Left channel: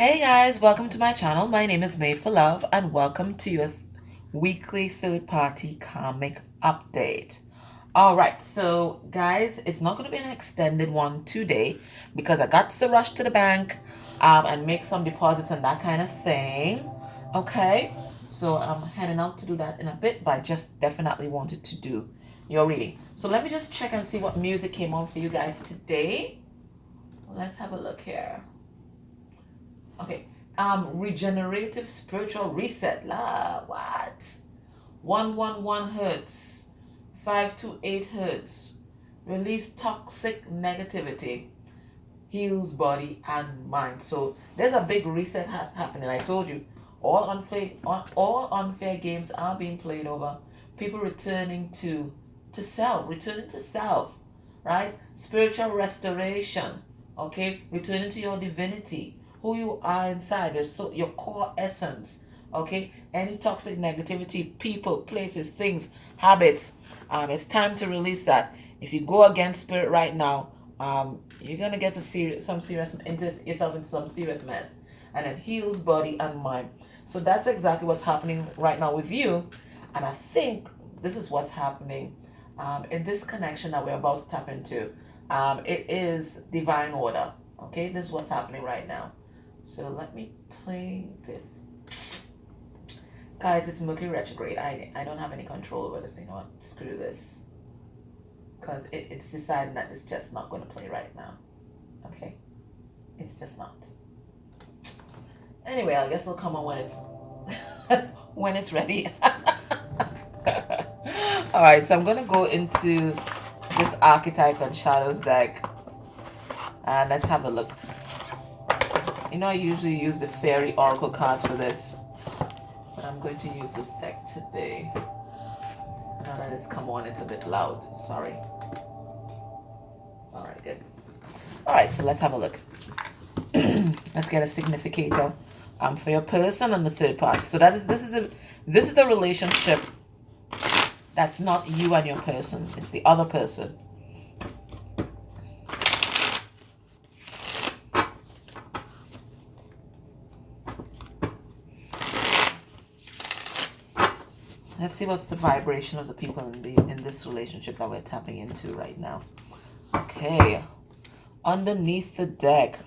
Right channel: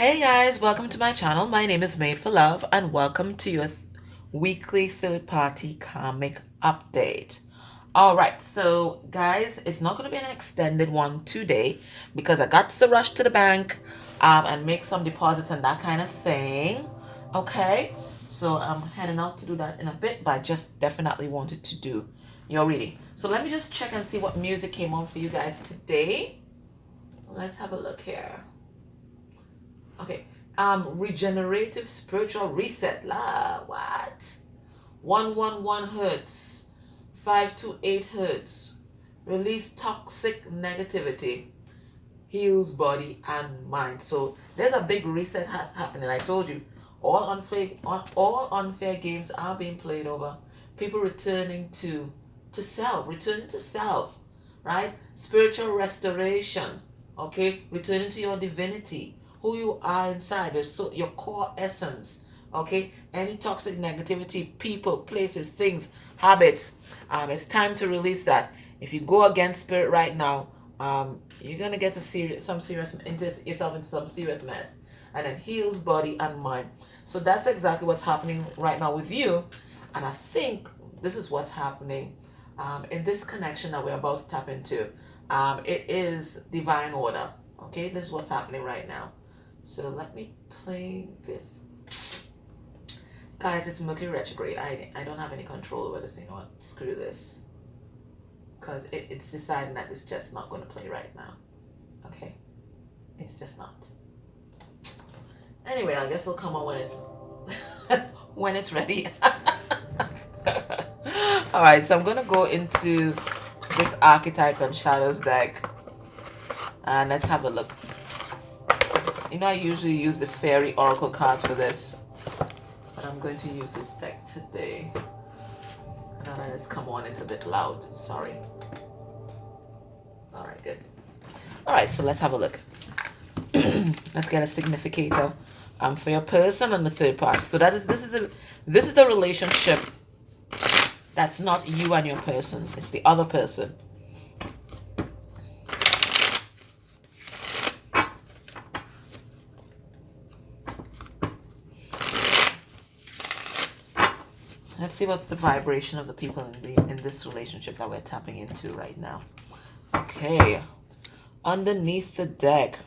Hey guys, welcome to my channel. My name is Made for Love and welcome to your weekly third-party karmic update. All right, so guys, it's not going to be an extended one today because I got to rush to the bank and make some deposits and that kind of thing. Okay, so I'm heading out to do that in a bit, but I just definitely wanted to do your reading. So let me just check and see what music came on for you guys today. Let's have a look here. Okay, regenerative spiritual reset. What? 111 hertz, 528 hertz. Release toxic negativity. Heals body and mind. So there's a big reset happening. I told you, all unfair games are being played over. People returning to self, right? Spiritual restoration. Okay, returning to your divinity, who you are inside, your core essence. Okay, any toxic negativity, people, places, things, habits, it's time to release that. If you go against spirit right now, you're gonna get yourself into some serious mess. And it heals body and mind. So that's exactly what's happening right now with you. And I think this is what's happening in this connection that we're about to tap into. It is divine order. Okay, this is what's happening right now. So let me play this. Guys, it's Mercury retrograde. I don't have any control over this. You know what? Screw this. Because it's deciding that it's just not going to play right now. Okay? It's just not. Anyway, I guess it'll come on when it's ready. Alright, so I'm going to go into this archetype and shadows deck. And let's have a look. You know, I usually use the fairy oracle cards for this, but I'm going to use this deck today. Now let this come on, it's a bit loud, sorry. All right, good. All right, so let's have a look. Let's get a significator for your person and the third party. So this is the relationship that's not you and your person, it's the other person. Let's see what's the vibration of the people in this relationship that we're tapping into right now. Okay. Underneath the deck,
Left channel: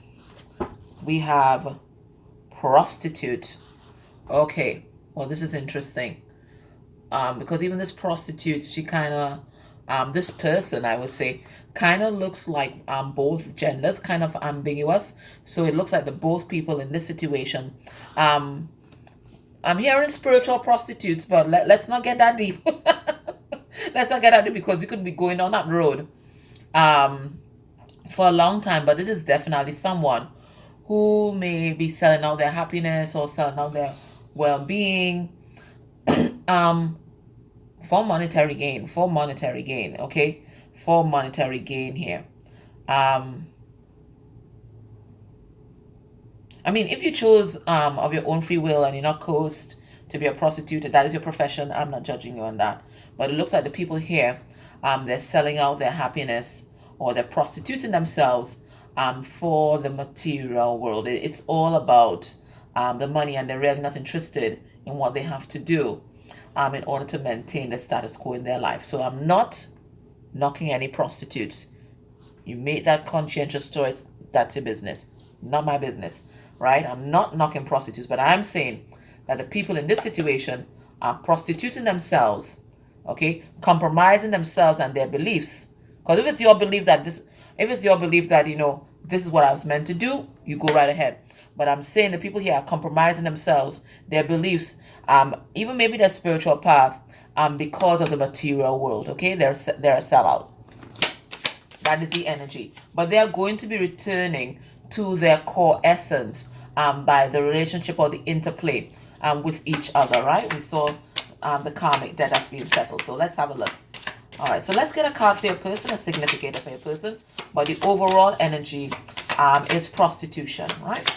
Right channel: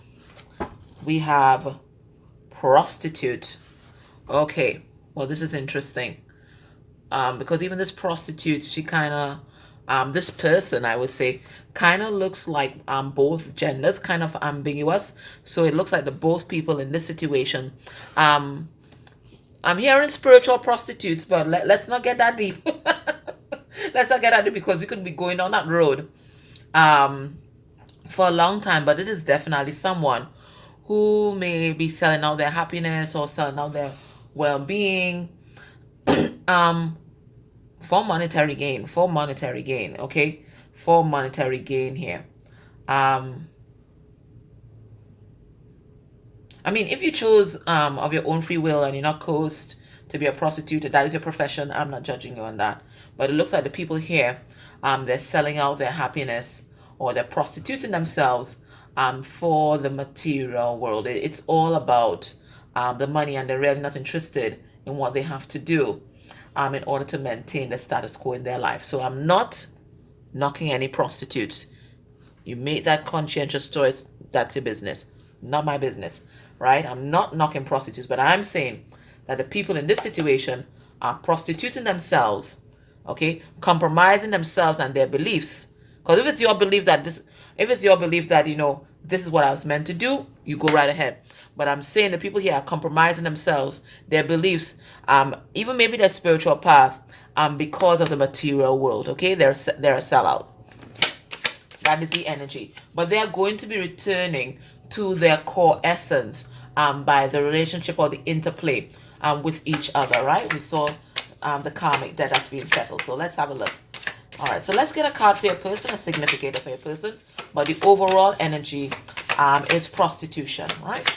we have prostitute. Okay. Well, this is interesting. Because even this prostitute, she kind of, this person, I would say, kind of looks like both genders, kind of ambiguous. So it looks like the both people in this situation, I'm hearing spiritual prostitutes, but let's not get that deep. Let's not get that deep because we could be going on that road for a long time. But it is definitely someone who may be selling out their happiness or selling out their well-being for monetary gain. Okay, for monetary gain here. I mean, if you chose of your own free will and you're not coerced to be a prostitute, that is your profession. I'm not judging you on that. But it looks like the people here, they're selling out their happiness or they're prostituting themselves for the material world. It's all about the money, and they're really not interested in what they have to do in order to maintain the status quo in their life. So I'm not knocking any prostitutes. You made that conscientious choice. That's your business, not my business. Right? I'm not knocking prostitutes, but I'm saying that the people in this situation are prostituting themselves, okay, compromising themselves and their beliefs. Because if it's your belief that you know this is what I was meant to do, you go right ahead. But I'm saying the people here are compromising themselves, their beliefs, even maybe their spiritual path, because of the material world. Okay, they're a sellout. That is the energy. But they are going to be returning to their core essence by the relationship or the interplay with each other, right? We saw the karmic debt that's being settled. So let's have a look. All right, so let's get a card for your person, a significator for your person. But the overall energy is prostitution, right?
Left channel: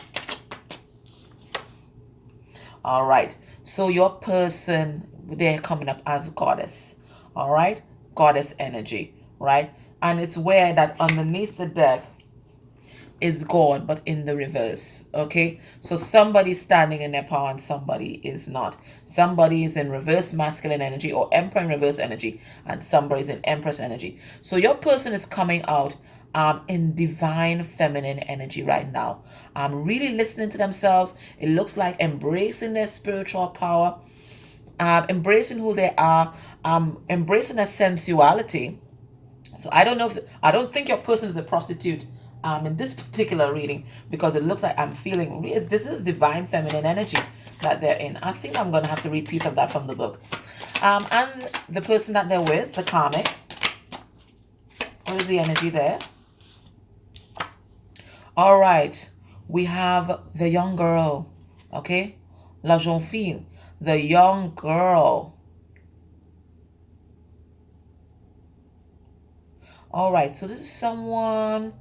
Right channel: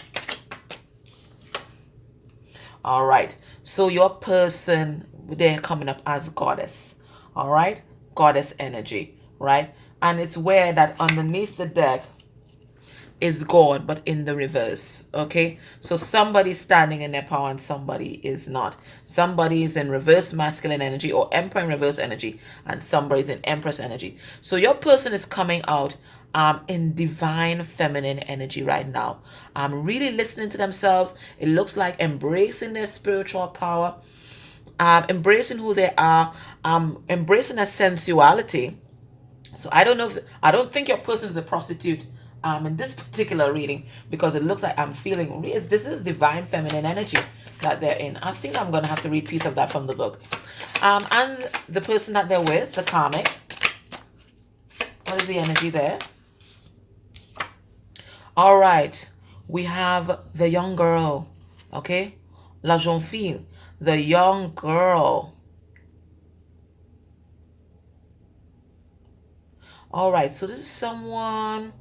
All right, so your person, they're coming up as goddess, all right? Goddess energy, right? And it's where that underneath the deck, is God, but in the reverse. Okay, so somebody's standing in their power and somebody is not. Somebody is in reverse masculine energy or emperor in reverse energy, and somebody's in empress energy. So your person is coming out in divine feminine energy right now. Really listening to themselves. It looks like embracing their spiritual power, embracing who they are, embracing their sensuality. So I don't think your person is a prostitute in this particular reading, because it looks like I'm feeling this is divine feminine energy that they're in. I think I'm gonna have to read piece of that from the book. And the person that they're with, the karmic. What is the energy there? All right, we have the young girl. Okay, la jeune fille, the young girl. All right, so this is someone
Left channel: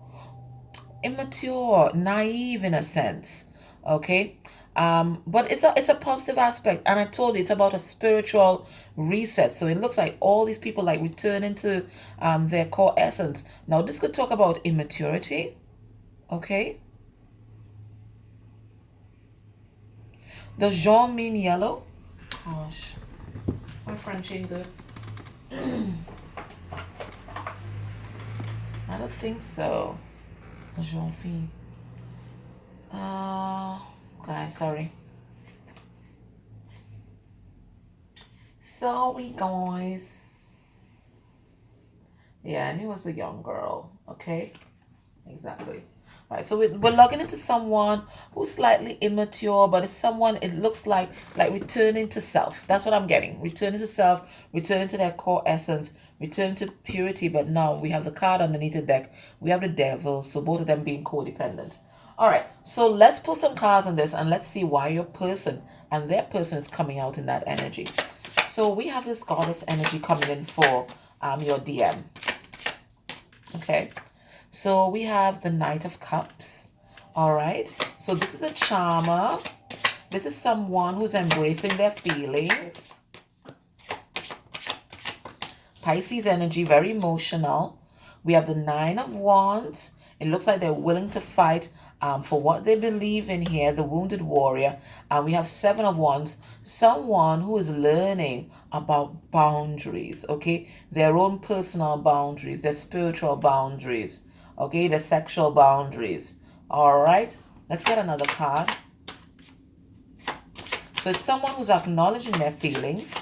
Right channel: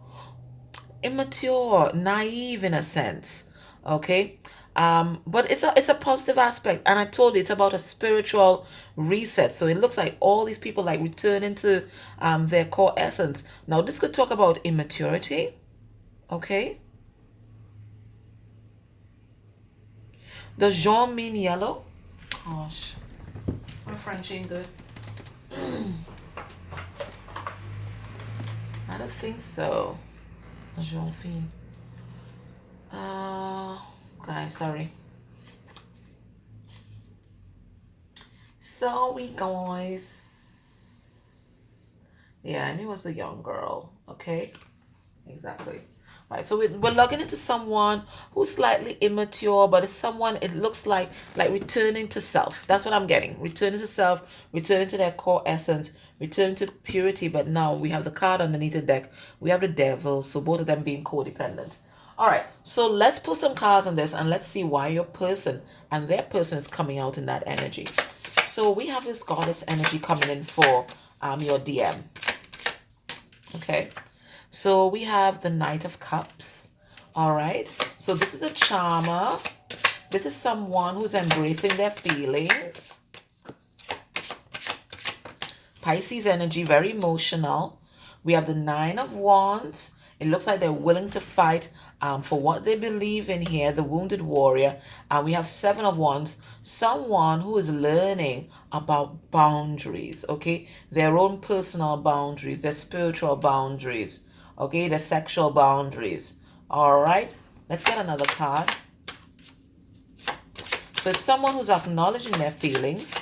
immature, naive in a sense. Okay, but it's a positive aspect, and I told you it's about a spiritual reset. So it looks like all these people like returning to their core essence. Now this could talk about immaturity. Okay, does Jean mean yellow? Gosh, my French ain't good. I don't think so. Jean fille. Guys, sorry. Sorry, guys. Yeah, I knew it was a young girl. Okay, exactly. All right, so we're logging into someone who's slightly immature, but it's someone, it looks like returning to self. That's what I'm getting. Returning to self, returning to their core essence, returning to purity. But now we have the card underneath the deck. We have the devil, so both of them being codependent. All right, so let's put some cards on this and let's see why your person and their person is coming out in that energy. So we have this goddess energy coming in for your DM. Okay. So we have the Knight of Cups. All right. So this is a charmer. This is someone who's embracing their feelings. Pisces energy, very emotional. We have the Nine of Wands. It looks like they're willing to fight for what they believe in here, the wounded warrior. We have Seven of Wands, someone who is learning about boundaries, okay? Their own personal boundaries, their spiritual boundaries, okay? Their sexual boundaries. All right, let's get another card. So it's someone who's acknowledging their feelings.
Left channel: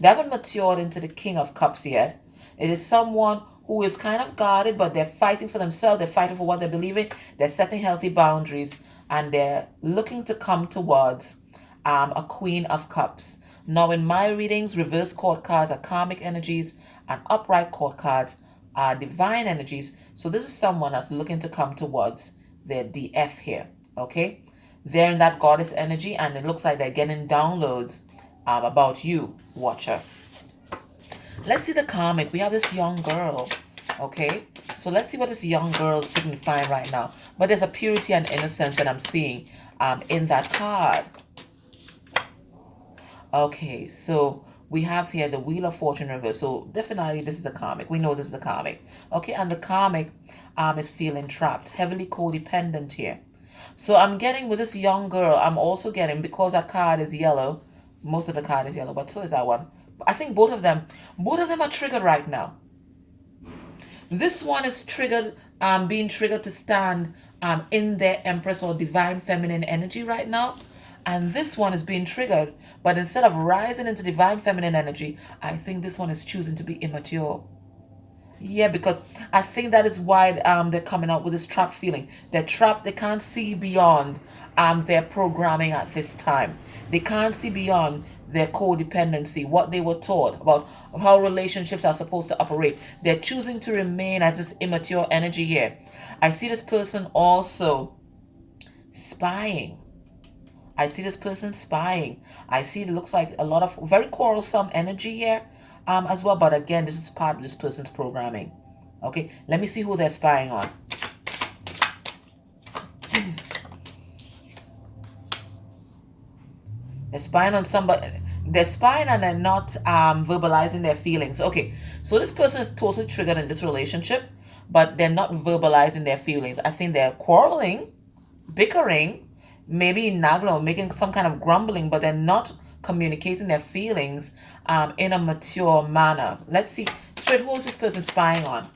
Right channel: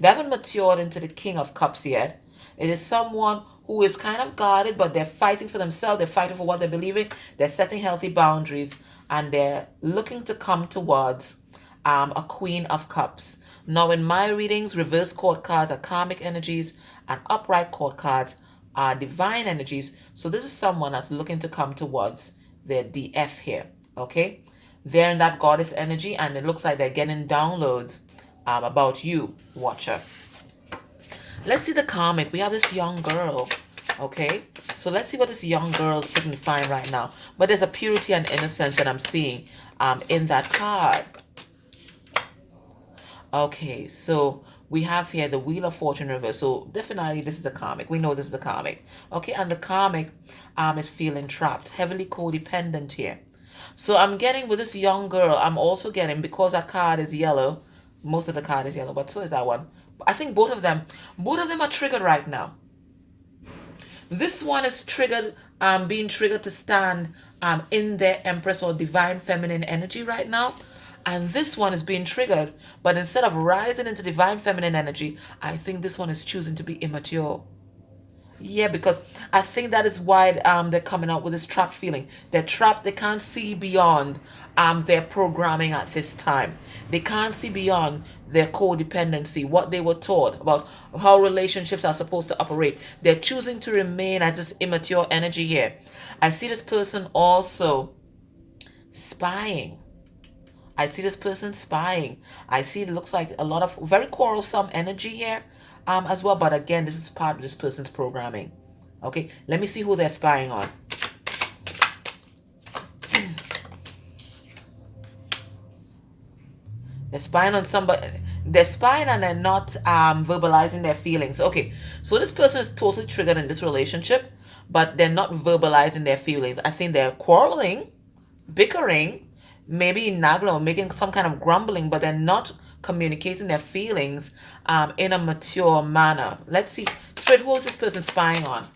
They haven't matured into the King of Cups yet. It is someone who is kind of guarded, but they're fighting for themselves. They're fighting for what they believe in. They're setting healthy boundaries, and they're looking to come towards a Queen of Cups. Now, in my readings, reverse court cards are karmic energies, and upright court cards are divine energies. So this is someone that's looking to come towards their DF here, okay? They're in that goddess energy, and it looks like they're getting downloads about you, watcher. Let's see the karmic. We have this young girl, okay? So let's see what this young girl is signifying right now. But there's a purity and innocence that I'm seeing in that card. Okay, so we have here the Wheel of Fortune reverse. So definitely this is the karmic. We know this is the karmic. Okay, and the karmic is feeling trapped, heavily codependent here. So I'm getting with this young girl, I'm also getting, because that card is yellow, most of the card is yellow, but so is that one. I think both of them are triggered right now. This one is triggered, being triggered to stand in their Empress or Divine Feminine energy right now. And this one is being triggered, but instead of rising into Divine Feminine energy, I think this one is choosing to be immature. Yeah, because I think that is why they're coming out with this trapped feeling. They're trapped. They can't see beyond their programming at this time. They can't see beyond their codependency, what they were taught about how relationships are supposed to operate. They're choosing to remain as this immature energy here. I see this person also spying. I see this person spying. I see it looks like a lot of very quarrelsome energy here as well. But again, this is part of this person's programming. Okay, let me see who they're spying on. They're spying on somebody. They're spying and they're not verbalizing their feelings. Okay, so this person is totally triggered in this relationship, but they're not verbalizing their feelings. I think they're quarreling, bickering, maybe nagging or making some kind of grumbling, but they're not communicating their feelings in a mature manner. Let's see. Spirit, who is this person spying on?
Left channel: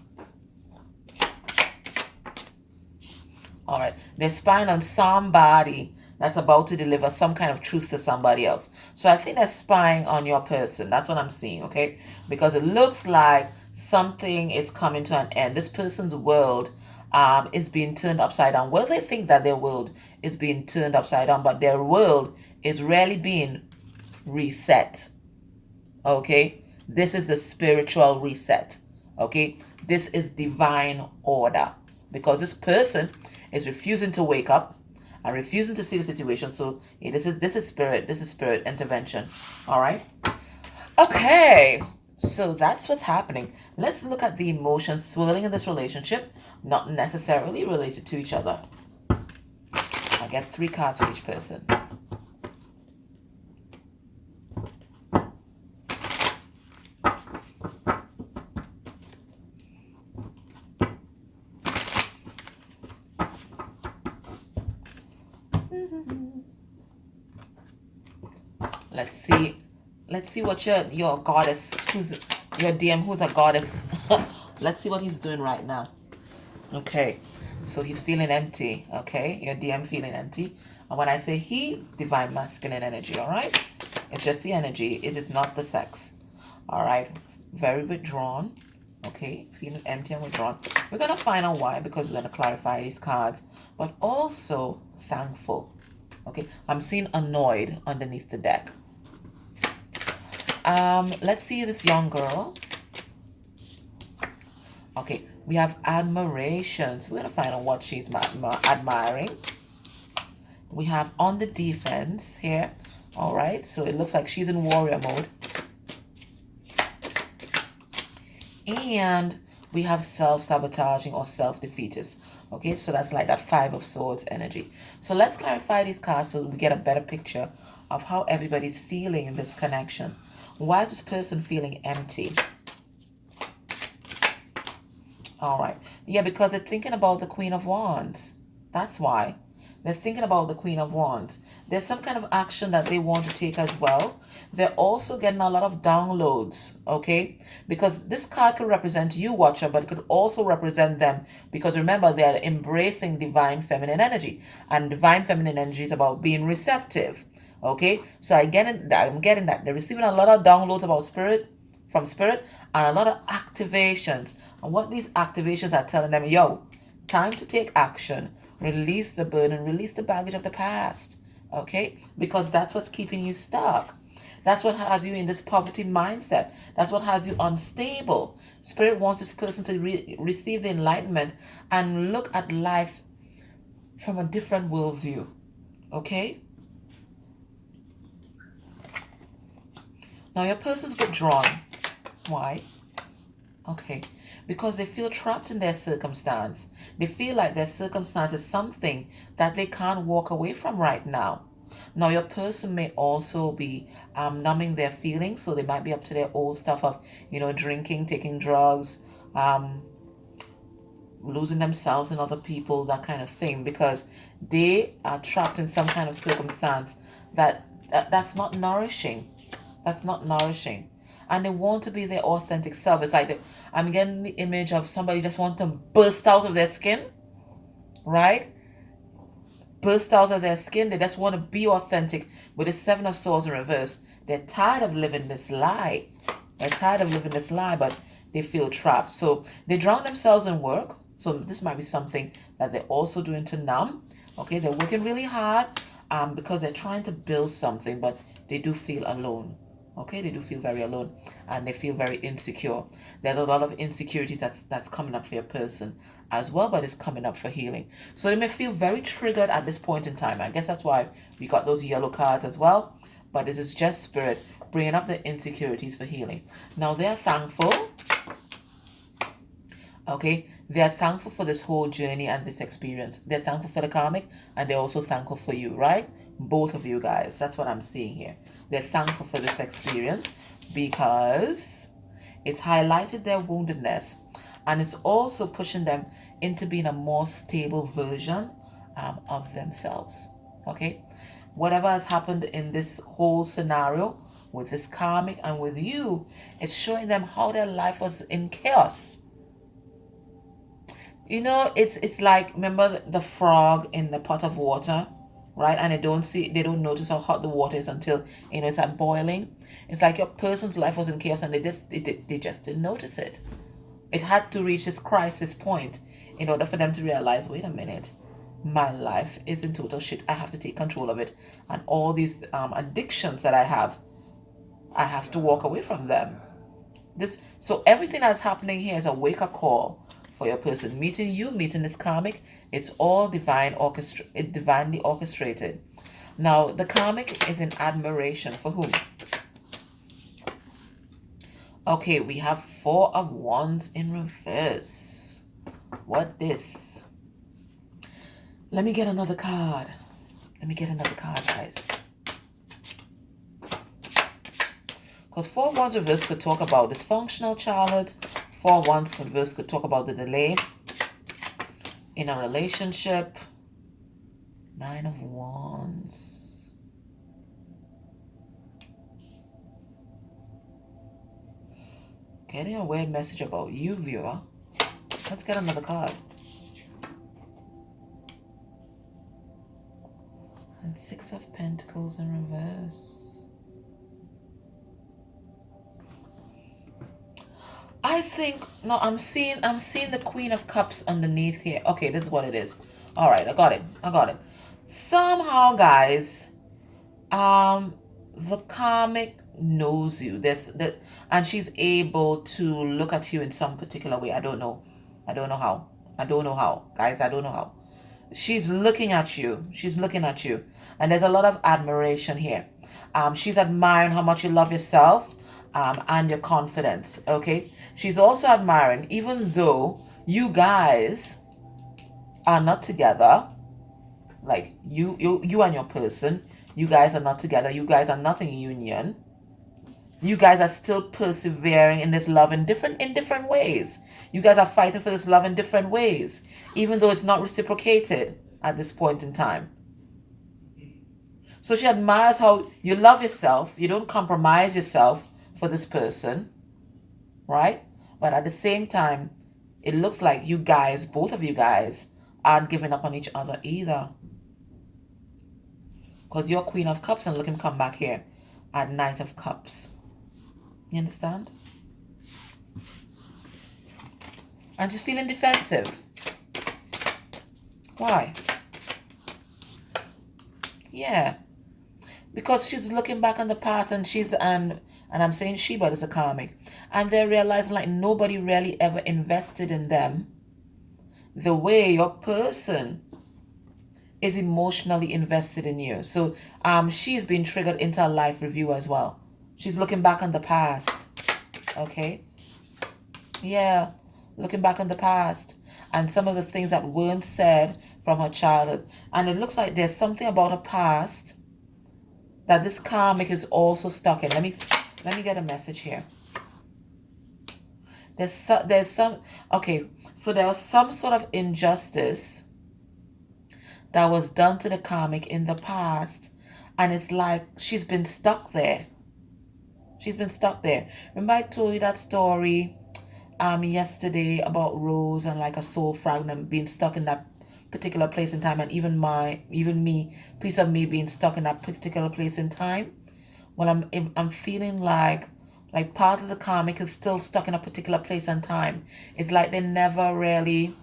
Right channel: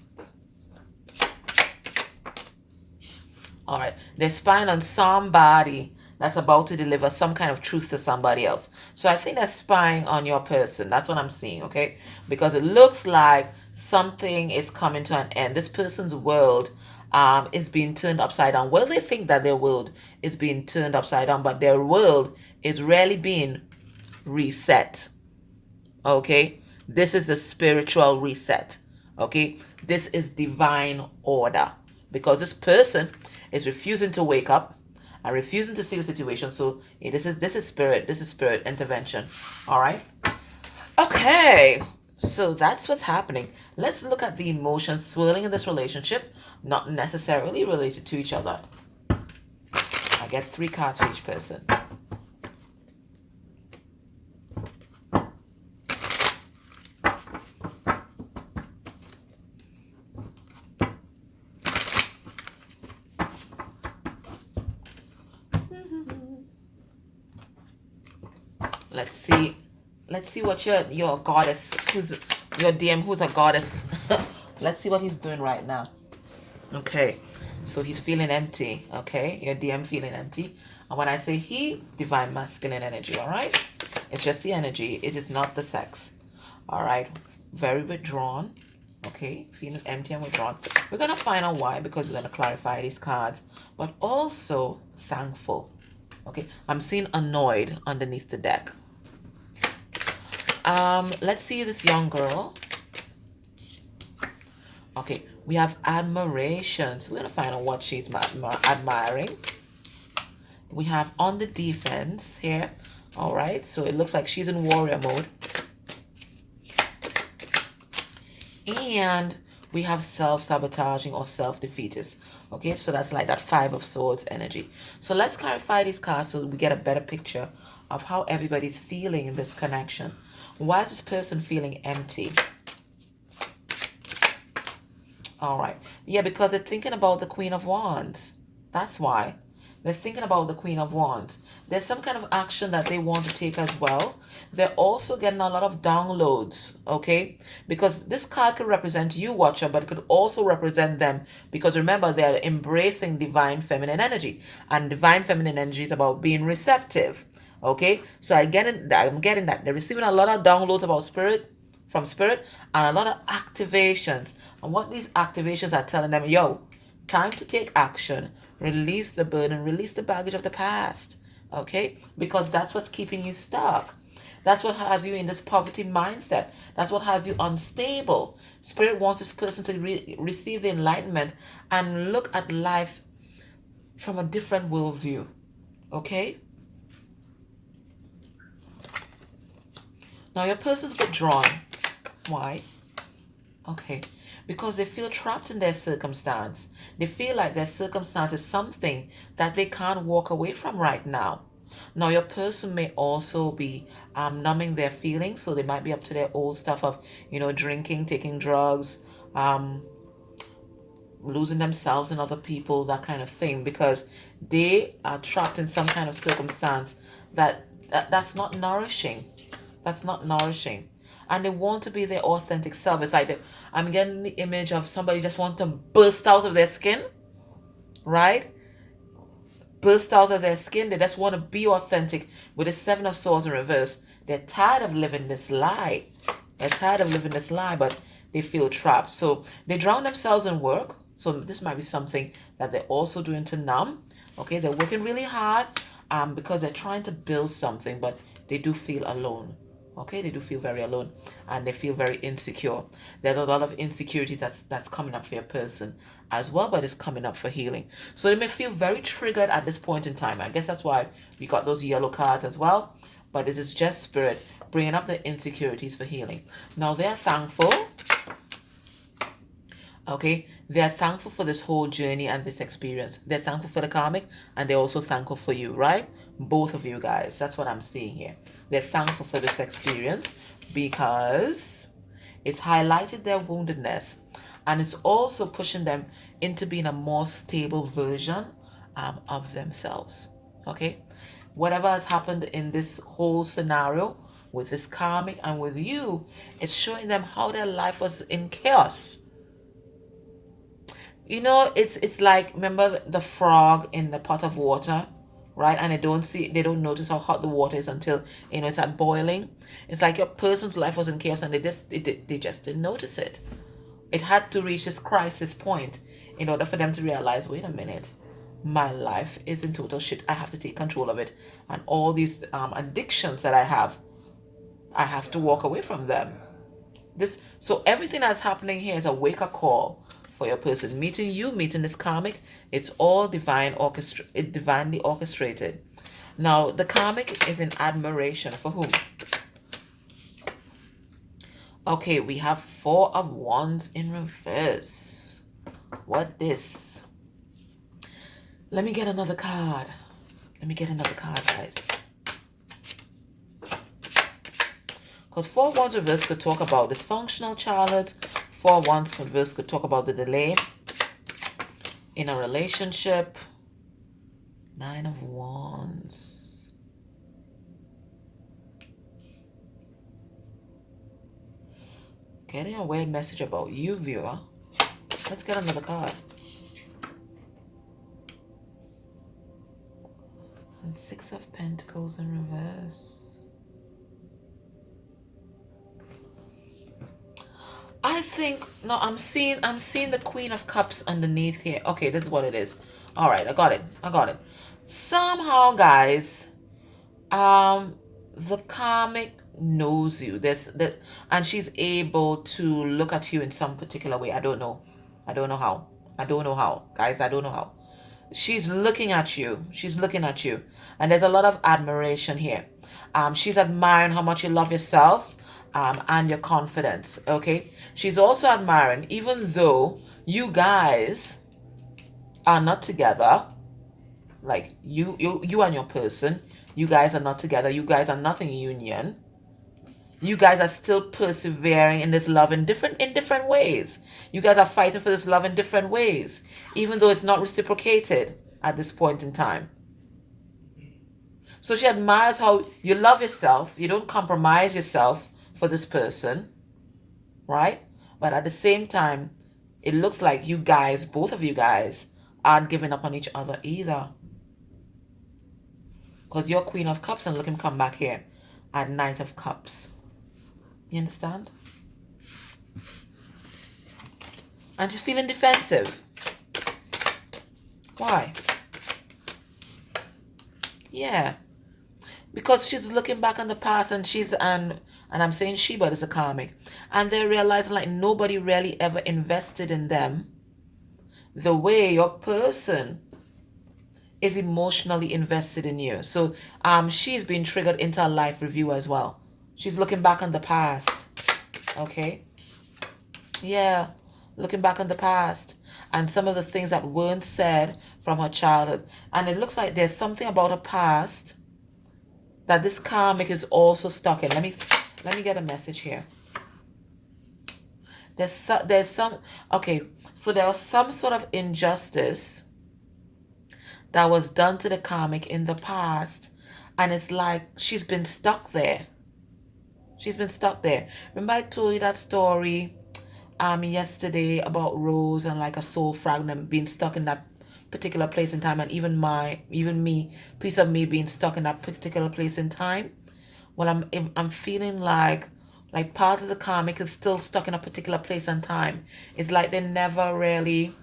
All right. They're spying on somebody that's about to deliver some kind of truth to somebody else. So I think they're spying on your person. That's what I'm seeing, okay? Because it looks like something is coming to an end. This person's world is being turned upside down. Well, they think that their world is being turned upside down, but their world is really being reset, okay? This is the spiritual reset, okay? This is divine order, because this person is refusing to wake up and refusing to see the situation. So this is spirit intervention. All right. Okay. So that's what's happening. Let's look at the emotions swirling in this relationship, not necessarily related to each other. I get 3 cards for each person. Let's see what your goddess, who's your DM, who's a goddess. Let's see what he's doing right now. Okay, so he's feeling empty. Okay, your DM feeling empty. And when I say he, divine masculine energy. All right, it's just the energy. It is not the sex. All right, very withdrawn. Okay, feeling empty and withdrawn. We're gonna find out why, because we're gonna clarify these cards, but also thankful. Okay, I'm seeing annoyed underneath the deck. Let's see this young girl. Okay, we have admiration. So we're gonna find out what she's admiring. We have on the defense here. All right, so it looks like she's in warrior mode. And we have self-sabotaging or self-defeatist. Okay, so that's like that 5 of Swords energy. So let's clarify these cards so we get a better picture of how everybody's feeling in this connection. Why is this person feeling empty? All right. Yeah, because they're thinking about the Queen of Wands. That's why. They're thinking about the Queen of Wands. There's some kind of action that they want to take as well. They're also getting a lot of downloads, okay? Because this card could represent you, Watcher, but it could also represent them. Because remember, they're embracing divine feminine energy. And divine feminine energy is about being receptive, okay? So I'm getting that. They're receiving a lot of downloads about from spirit, and a lot of activations. And what these activations are telling them, yo, time to take action. Release the burden, release the baggage of the past, okay? Because that's what's keeping you stuck. That's what has you in this poverty mindset. That's what has you unstable. Spirit wants this person to receive the enlightenment and look at life from a different worldview, okay? Now your person's withdrawn. Why? Okay. Because they feel trapped in their circumstance. They feel like their circumstance is something that they can't walk away from right now. Now, your person may also be numbing their feelings, so they might be up to their old stuff of, drinking, taking drugs, losing themselves in other people, that kind of thing, because they are trapped in some kind of circumstance that's not nourishing. That's not nourishing. And they want to be their authentic self. It's like I'm getting the image of somebody just want to burst out of their skin, right? Burst out of their skin. They just want to be authentic. With the 7 of Swords in reverse, they're tired of living this lie. They're tired of living this lie, but they feel trapped. So they drown themselves in work. So this might be something that they're also doing to numb. Okay, they're working really hard because they're trying to build something, but they do feel alone. Okay, they do feel very alone, and they feel very insecure. There's a lot of insecurity that's coming up for your person as well, but it's coming up for healing. So they may feel very triggered at this point in time. I guess that's why we got those yellow cards as well. But this is just spirit bringing up the insecurities for healing. Now they're thankful. Okay, they're thankful for this whole journey and this experience. They're thankful for the karmic, and they're also thankful for you, right? Both of you guys. That's what I'm seeing here. They're thankful for this experience because it's highlighted their woundedness. And it's also pushing them into being a more stable version of themselves. Okay? Whatever has happened in this whole scenario with this karmic and with you, it's showing them how their life was in chaos. You know, it's like, remember the frog in the pot of water, right? And they don't notice how hot the water is until, it's at boiling. It's like your person's life was in chaos and they just didn't notice it. It had to reach this crisis point in order for them to realize, wait a minute, my life is in total shit. I have to take control of it. And all these addictions that I have to walk away from them. So everything that's happening here is a wake-up call for your person. Meeting this karmic, it's all divinely orchestrated. Now, the karmic is in admiration for whom? Okay, we have 4 of Wands in reverse. What this? Let me get another card. Guys. Because 4 of Wands reverse could talk about dysfunctional childhood. 4 of Wands reverse could talk about the delay in a relationship. 9 of Wands. Getting a weird message about you, viewer. Let's get another card. And 6 of Pentacles in reverse. I'm seeing the Queen of Cups underneath here. Okay, this is what it is. All right, I got it. Somehow, guys, the karmic knows you. And she's able to look at you in some particular way. I don't know how. Guys, I don't know how. She's looking at you. And there's a lot of admiration here. She's admiring how much you love yourself. And your confidence, okay? She's also admiring, even though you guys are not together, like you and your person, you guys are not together, you guys are not in union, you guys are still persevering in this love in different ways. You guys are fighting for this love in different ways, even though it's not reciprocated at this point in time. So she admires how you love yourself, you don't compromise yourself for this person, right? But at the same time, it looks like you guys, both of you guys, aren't giving up on each other either. Because you're Queen of Cups and looking come back here at Knight of Cups. You understand? And she's feeling defensive. Why? Yeah. Because she's looking back on the past and and I'm saying she, but it's a karmic. And they're realizing like nobody really ever invested in them the way your person is emotionally invested in you. So she's been triggered into a life review as well. She's looking back on the past. Okay? Yeah. Looking back on the past. And some of the things that weren't said from her childhood. And it looks like there's something about her past that this karmic is also stuck in. Let me get a message here. There's some, okay, so there was some sort of injustice that was done to the karmic in the past, and it's like she's been stuck there. Remember I told you that story yesterday about Rose and like a soul fragment being stuck in that particular place in time, and even me, piece of me being stuck in that particular place in time? Well, I'm feeling like part of the karmic is still stuck in a particular place and time. It's like they never really,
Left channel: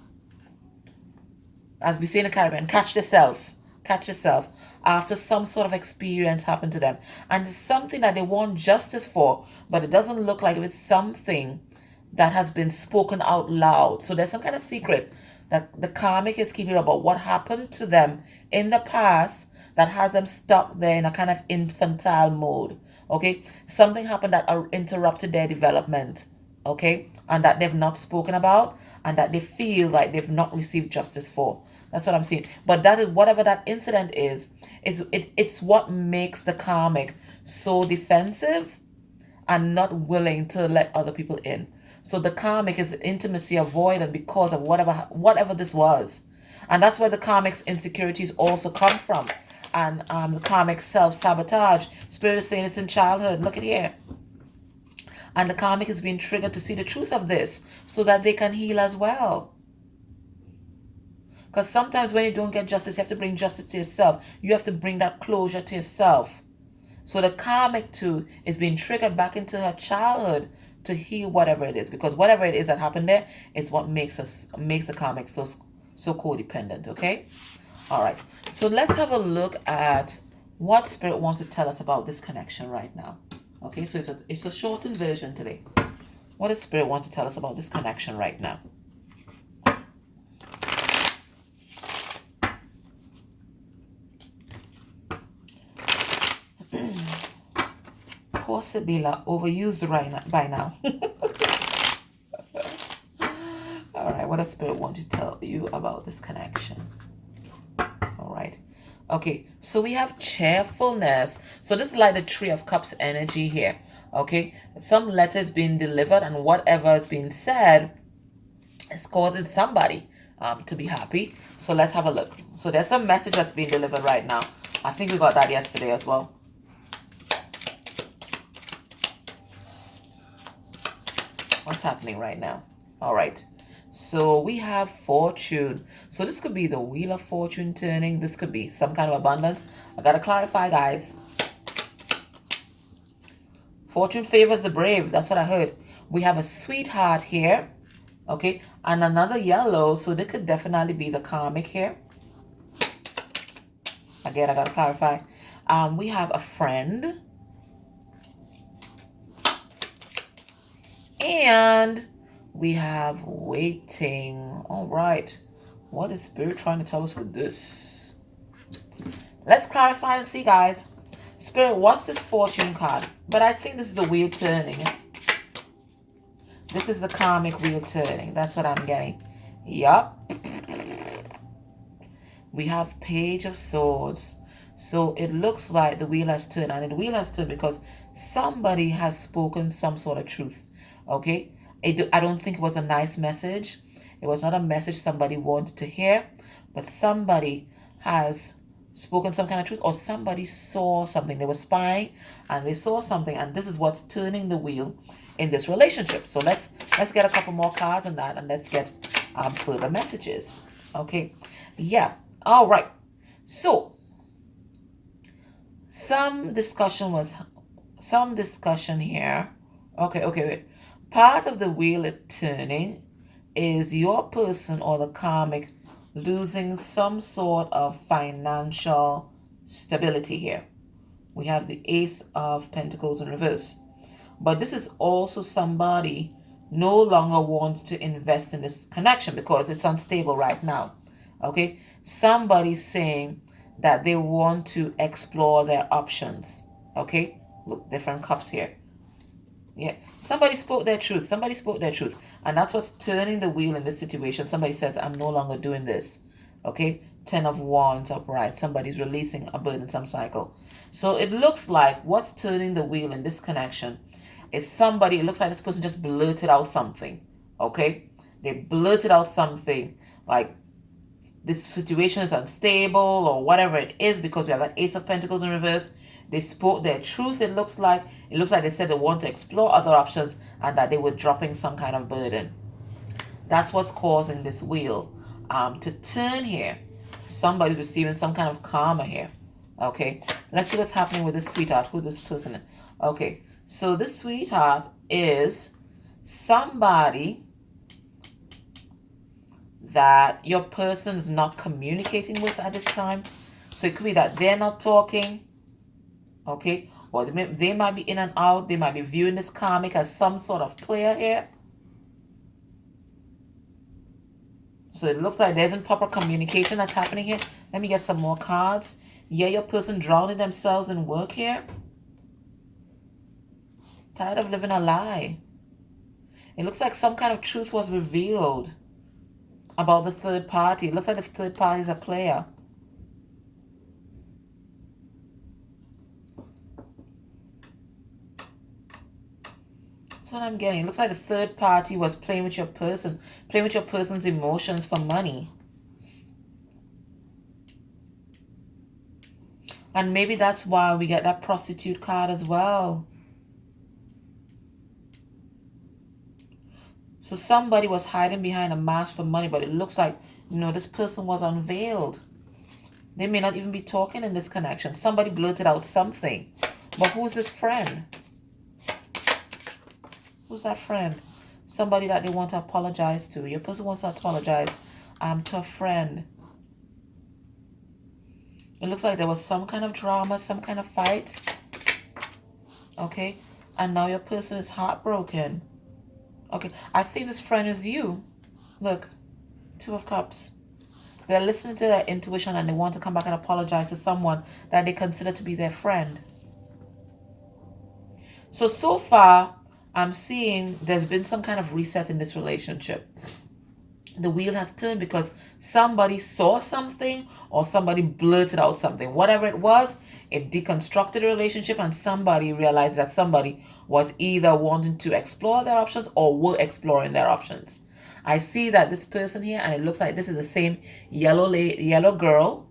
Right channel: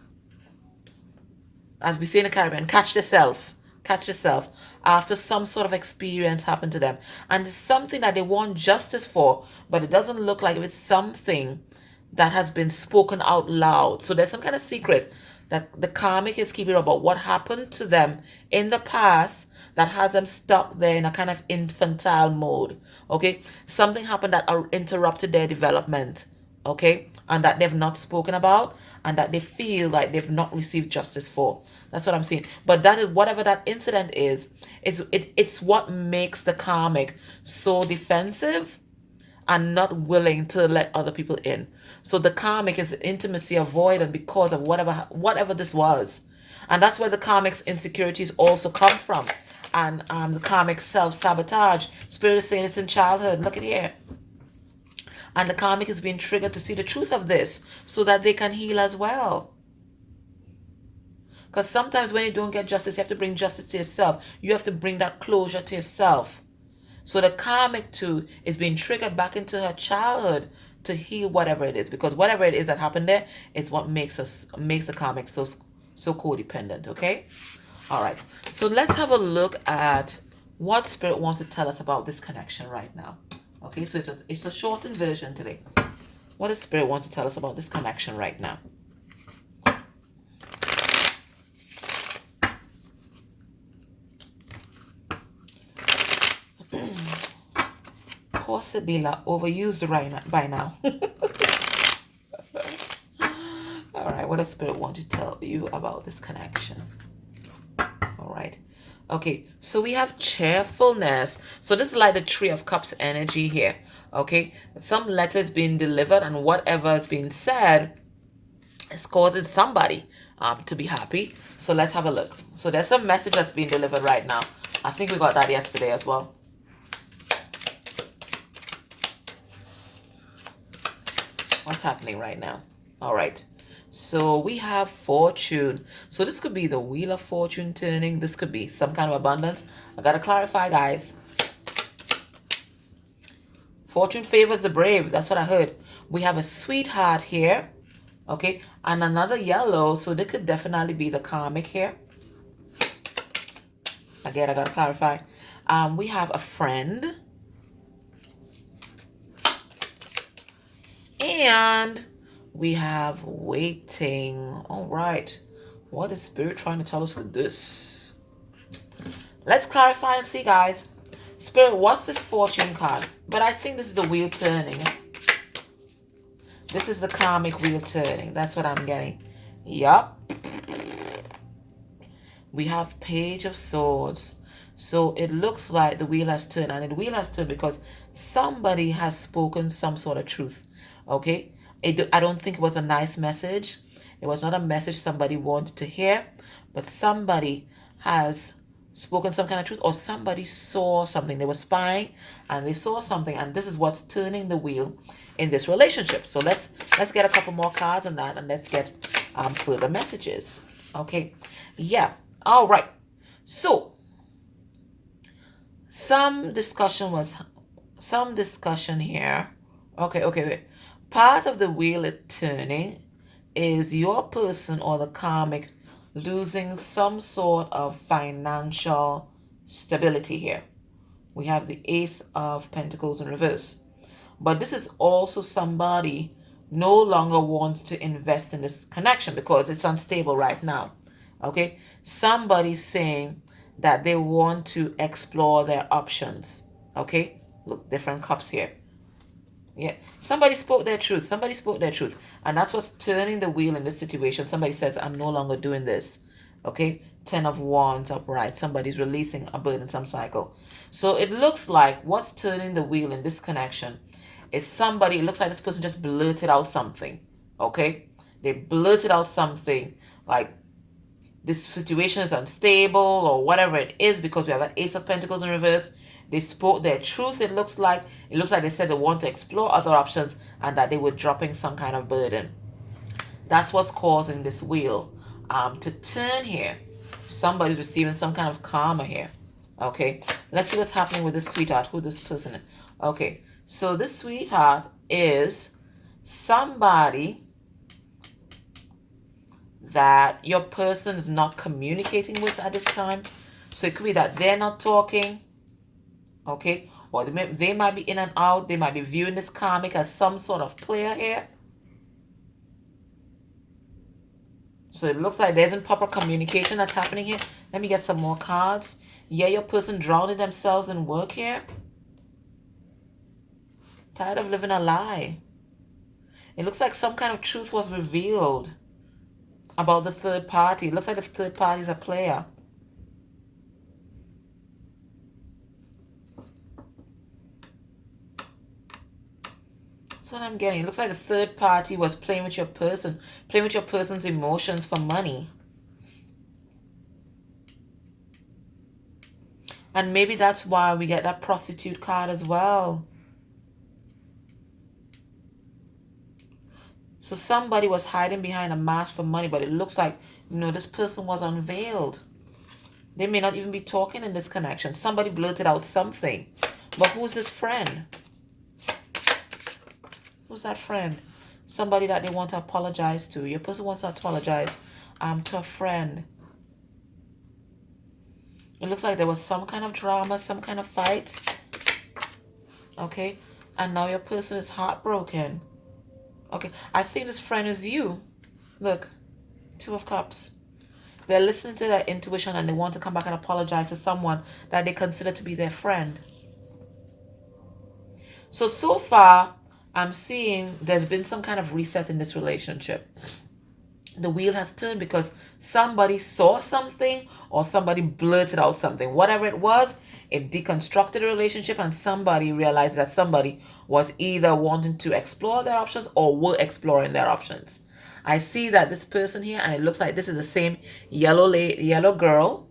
as we say in the Caribbean, catch yourself after some sort of experience happened to them. And it's something that they want justice for, but it doesn't look like it's something that has been spoken out loud. So there's some kind of secret that the karmic is keeping about what happened to them in the past that has them stuck there in a kind of infantile mode, okay? Something happened that interrupted their development, okay? And that they've not spoken about and that they feel like they've not received justice for. That's what I'm saying. But that is, whatever that incident is, it's what makes the karmic so defensive and not willing to let other people in. So the karmic is intimacy avoided because of whatever this was. And that's where the karmic's insecurities also come from. And the karmic self-sabotage. Spirit is saying it's in childhood. Look at here. And the karmic is being triggered to see the truth of this so that they can heal as well. Because sometimes when you don't get justice, you have to bring justice to yourself. You have to bring that closure to yourself. So the karmic too is being triggered back into her childhood to heal whatever it is. Because whatever it is that happened there is what makes the karmic so codependent, okay? All right. So let's have a look at what Spirit wants to tell us about this connection right now. Okay, so it's a shortened version today. What does Spirit want to tell us about this connection right now? Possibly overused by now. All right, what does Spirit want to tell you about this connection? All right. Okay, so we have cheerfulness. So this is like the Three of Cups energy here. Okay, some letter is being delivered, and whatever is being said is causing somebody to be happy. So let's have a look. So there's a message that's being delivered right now. I think we got that yesterday as well. What's happening right now? All right. So we have fortune. So this could be the wheel of fortune turning. This could be some kind of abundance. I gotta clarify, guys. Fortune favors the brave. That's what I heard. We have a sweetheart here. Okay. And another yellow. So this could definitely be the karmic here. Again, I gotta clarify. We have a friend. And we have waiting. All right. What is Spirit trying to tell us with this? Let's clarify and see, guys. Spirit, what's this fortune card? But I think this is the wheel turning. This is the karmic wheel turning. That's what I'm getting. Yup. We have Page of Swords. So it looks like the wheel has turned. And the wheel has turned because somebody has spoken some sort of truth. Okay, I don't think it was a nice message. It was not a message somebody wanted to hear, but somebody has spoken some kind of truth, or somebody saw something. They were spying and they saw something, and this is what's turning the wheel in this relationship. So let's get a couple more cards on that, and let's get further messages. Okay, yeah. All right. So some discussion here. Okay, wait. Part of the wheel it's turning is your person or the karmic losing some sort of financial stability here. We have the Ace of Pentacles in reverse. But this is also somebody no longer wants to invest in this connection because it's unstable right now. Okay? Somebody's saying that they want to explore their options. Okay? Look, different cups here. Yeah, somebody spoke their truth. Somebody spoke their truth. And that's what's turning the wheel in this situation. Somebody says, I'm no longer doing this. Okay, 10 of Wands upright. Somebody's releasing a burdensome cycle. So it looks like what's turning the wheel in this connection is somebody, it looks like this person just blurted out something. Okay, they blurted out something like this situation is unstable or whatever it is, because we have that Ace of Pentacles in reverse. They spoke their truth. It looks like they said they want to explore other options and that they were dropping some kind of burden. That's what's causing this wheel to turn here. Somebody's receiving some kind of karma here. Okay, let's see what's happening with this sweetheart. Who this person is. Okay, so this sweetheart is somebody that your person is not communicating with at this time. So it could be that they're not talking. Okay, or they might be in and out. They might be viewing this karmic as some sort of player here. So it looks like there's improper communication that's happening here. Let me get some more cards. Yeah, your person drowning themselves in work here. Tired of living a lie. It looks like some kind of truth was revealed about the third party. It looks like the third party is a player. That's what I'm getting. It looks like the third party was playing with your person, playing with your person's emotions for money. And maybe that's why we get that prostitute card as well. So somebody was hiding behind a mask for money, but it looks like, you know, this person was unveiled. They may not even be talking in this connection. Somebody blurted out something. But who's this friend? Who's that friend? Somebody that they want to apologize to. Your person wants to apologize to a friend. It looks like there was some kind of drama, some kind of fight. Okay. And now your person is heartbroken. Okay. I think this friend is you. Look. 2 of Cups. They're listening to their intuition and they want to come back and apologize to someone that they consider to be their friend. So far, I'm seeing there's been some kind of reset in this relationship. The wheel has turned because somebody saw something or somebody blurted out something. Whatever it was, it deconstructed the relationship and somebody realized that somebody was either wanting to explore their options or were exploring their options. I see that this person here, and it looks like this is the same yellow girl,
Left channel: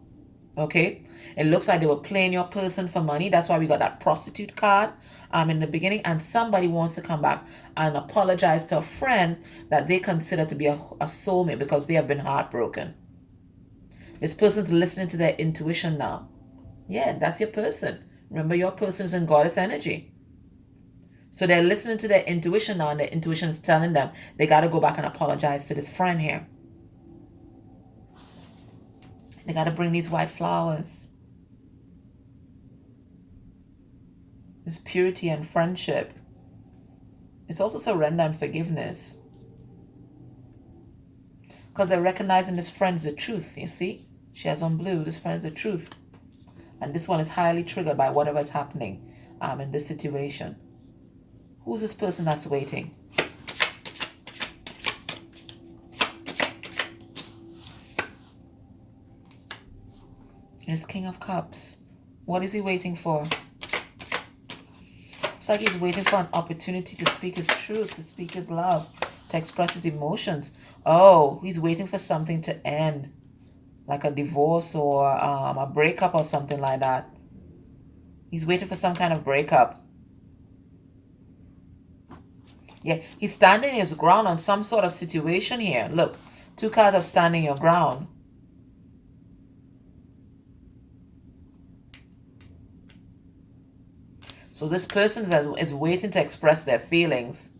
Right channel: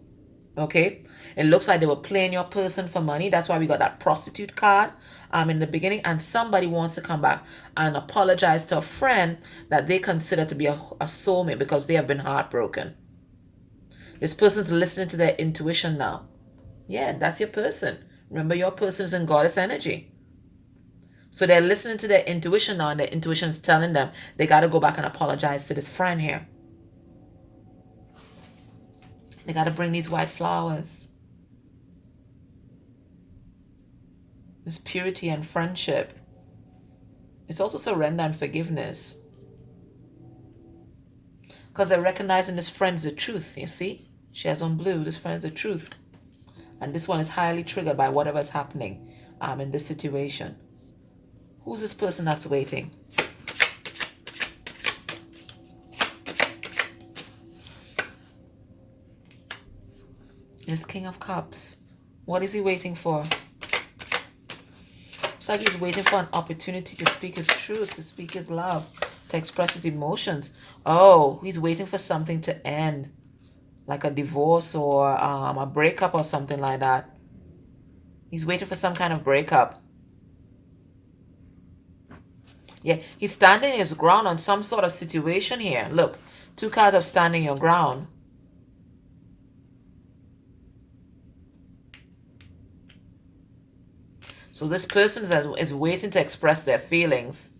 okay? It looks like they were playing your person for money. That's why we got that prostitute card in the beginning. And somebody wants to come back and apologize to a friend that they consider to be a soulmate because they have been heartbroken. This person's listening to their intuition now. Yeah, that's your person. Remember, your person is in goddess energy. So they're listening to their intuition now, and their intuition is telling them they got to go back and apologize to this friend here. They got to bring these white flowers. It's purity and friendship. It's also surrender and forgiveness. Because they're recognizing this friend's the truth, you see? She has on blue, this friend's the truth. And this one is highly triggered by whatever is happening in this situation. Who's this person that's waiting? It's King of Cups. What is he waiting for? It's like he's waiting for an opportunity to speak his truth, to speak his love, to express his emotions. Oh, he's waiting for something to end, like a divorce or a breakup or something like that. He's waiting for some kind of breakup. Yeah, he's standing his ground on some sort of situation here. Look, 2 cards of standing your ground. So this person is waiting to express their feelings,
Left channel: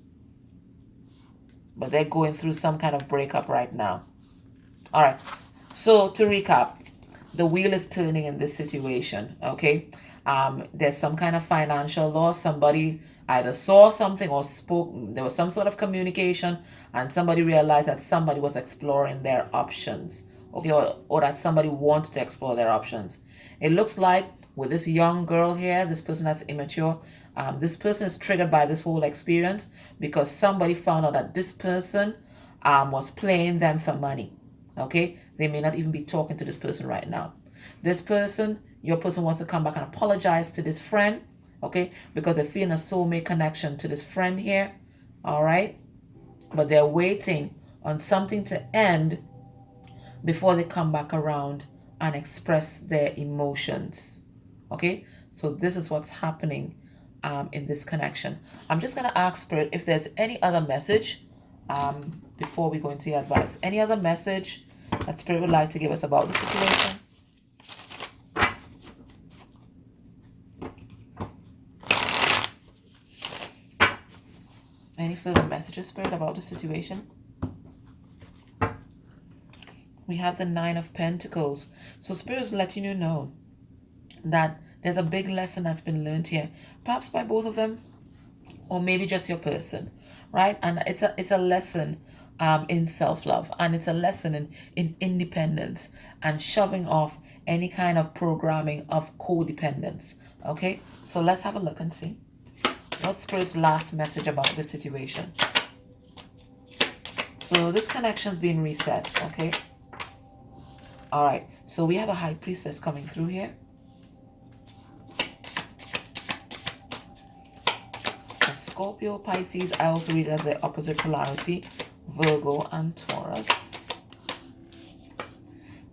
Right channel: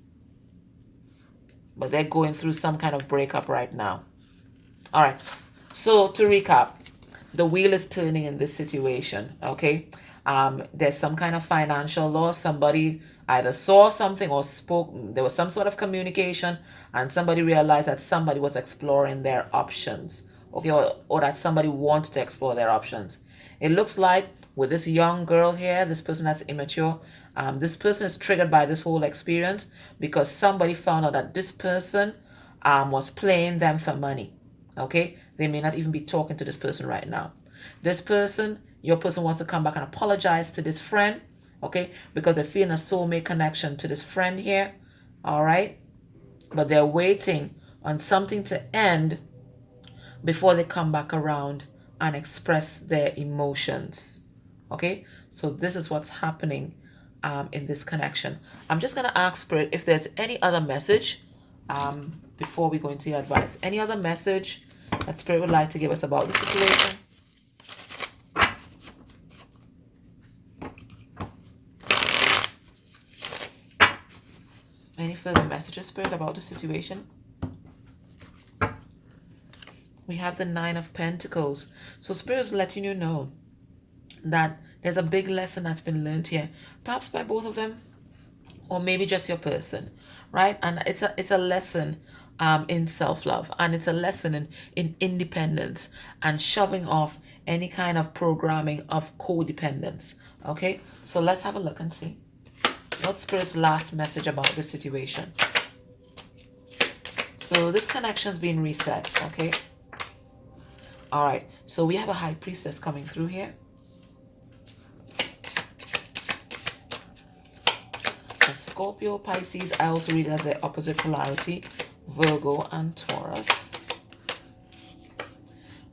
but they're going through some kind of breakup right now. All right. So to recap, the wheel is turning in this situation, okay? There's some kind of financial loss. Somebody either saw something or spoke. There was some sort of communication, and somebody realized that somebody was exploring their options, okay? Or that somebody wanted to explore their options. It looks like with this young girl here, this person that's immature, this person is triggered by this whole experience because somebody found out that this person was playing them for money, okay? They may not even be talking to this person right now. This person, your person wants to come back and apologize to this friend, okay? Because they're feeling a soulmate connection to this friend here, all right? But they're waiting on something to end before they come back around and express their emotions, okay? So this is what's happening in this connection. I'm just going to ask Spirit if there's any other message before we go into your advice. Any other message that Spirit would like to give us about the situation? Any further messages, Spirit, about the situation? We have the 9 of Pentacles. So Spirit is letting you know that there's a big lesson that's been learned here. Perhaps by both of them, or maybe just your person, right? And it's a lesson in self-love. And it's a lesson in independence and shoving off any kind of programming of codependence. Okay? So let's have a look and see. What's Spirit's last message about this situation? So this connection's being reset, okay? All right, so we have a High Priestess coming through here. Scorpio, Pisces, I also read it as the opposite polarity, Virgo and Taurus.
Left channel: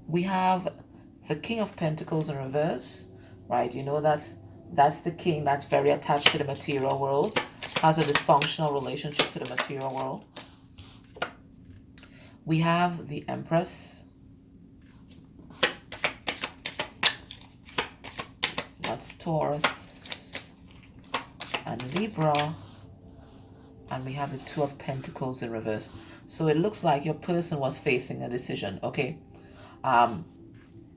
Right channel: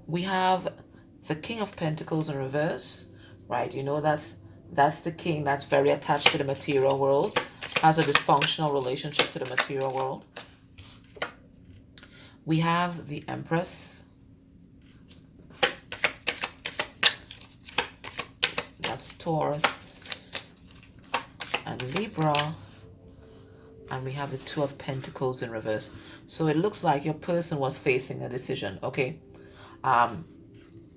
We have the King of Pentacles in reverse, right? You know, that's the king that's very attached to the material world, has a dysfunctional relationship to the material world. We have the Empress. That's Taurus and Libra. And we have the Two of Pentacles in reverse. So it looks like your person was facing a decision, okay? And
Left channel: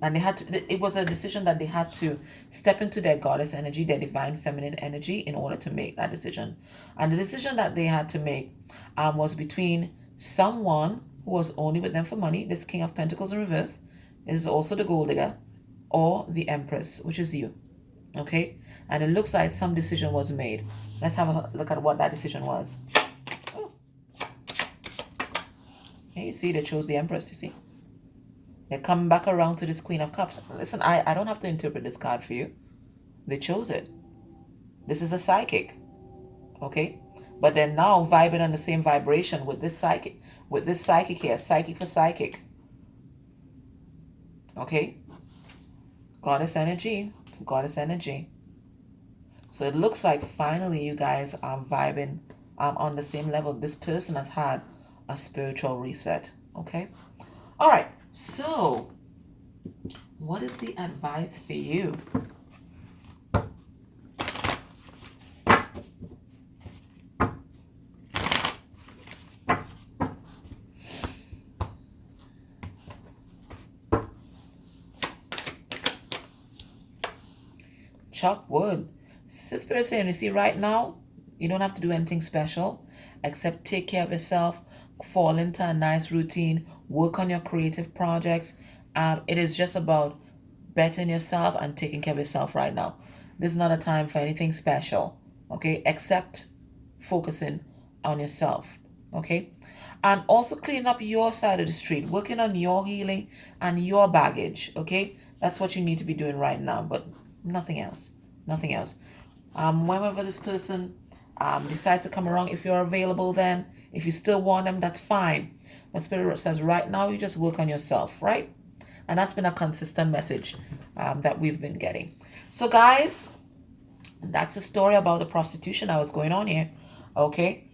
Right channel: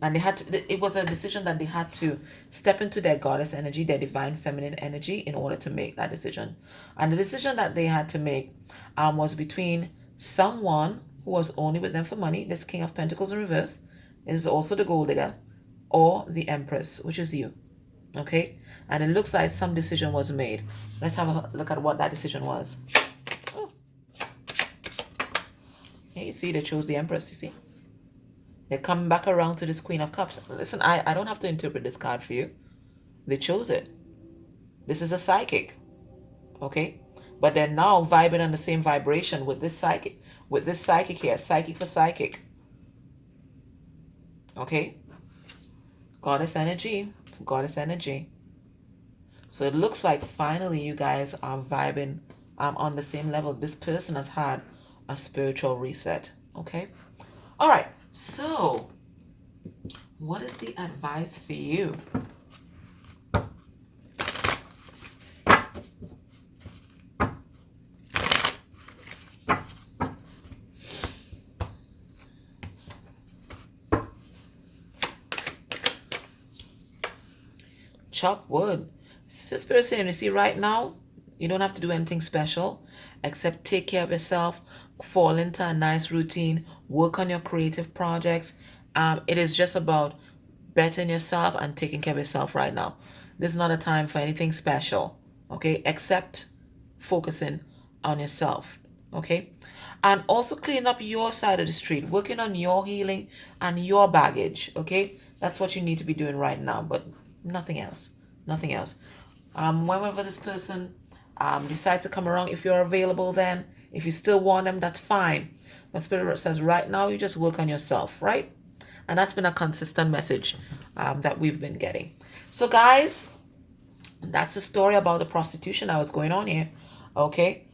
they had to, it was a decision that they had to step into their goddess energy, their divine feminine energy, in order to make that decision. And the decision that they had to make was between someone who was only with them for money, this King of Pentacles in reverse, is also the gold digger, or the Empress, which is you. Okay? And it looks like some decision was made. Let's have a look at what that decision was. Oh. Okay, you see, they chose the Empress, you see. They're coming back around to this Queen of Cups. Listen, I don't have to interpret this card for you. They chose it. This is a psychic. Okay? But they're now vibing on the same vibration with this psychic. With this psychic here. Psychic for psychic. Okay? Goddess energy. Goddess energy. So it looks like finally you guys are vibing on the same level. This person has had a spiritual reset. Okay? All right. So, what is the advice for you? Chop wood. So Spirit saying, you see, right now, you don't have to do anything special except take care of yourself, fall into a nice routine, work on your creative projects. It is just about bettering yourself and taking care of yourself right now. This is not a time for anything special, okay, except focusing on yourself, okay? And also clean up your side of the street, working on your healing and your baggage, okay? That's what you need to be doing right now, but nothing else, nothing else. Whenever this person decides to come around, if you're available then, if you still want them, that's fine. But Spirit says right now, you just work on yourself, right? And that's been a consistent message that we've been getting. So guys, that's the story about the prostitution that was going on here, okay?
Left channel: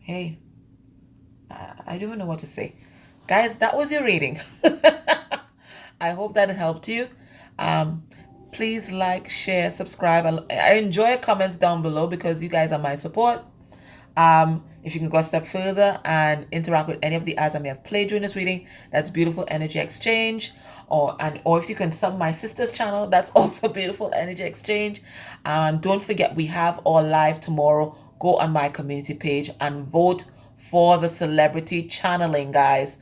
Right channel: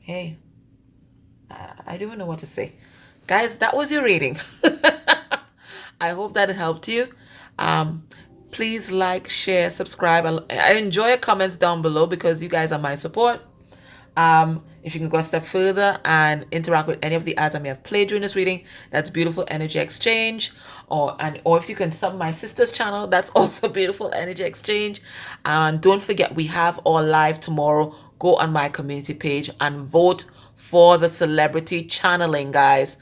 Hey, I don't know what to say. Guys, that was your reading. I hope that it helped you. Please like, share, subscribe. I enjoy your comments down below because you guys are my support. If you can go a step further and interact with any of the ads I may have played during this reading, that's Beautiful Energy Exchange. Or if you can sub my sister's channel, that's also Beautiful Energy Exchange. And don't forget, we have our live tomorrow. Go on my community page and vote for the celebrity channeling, guys.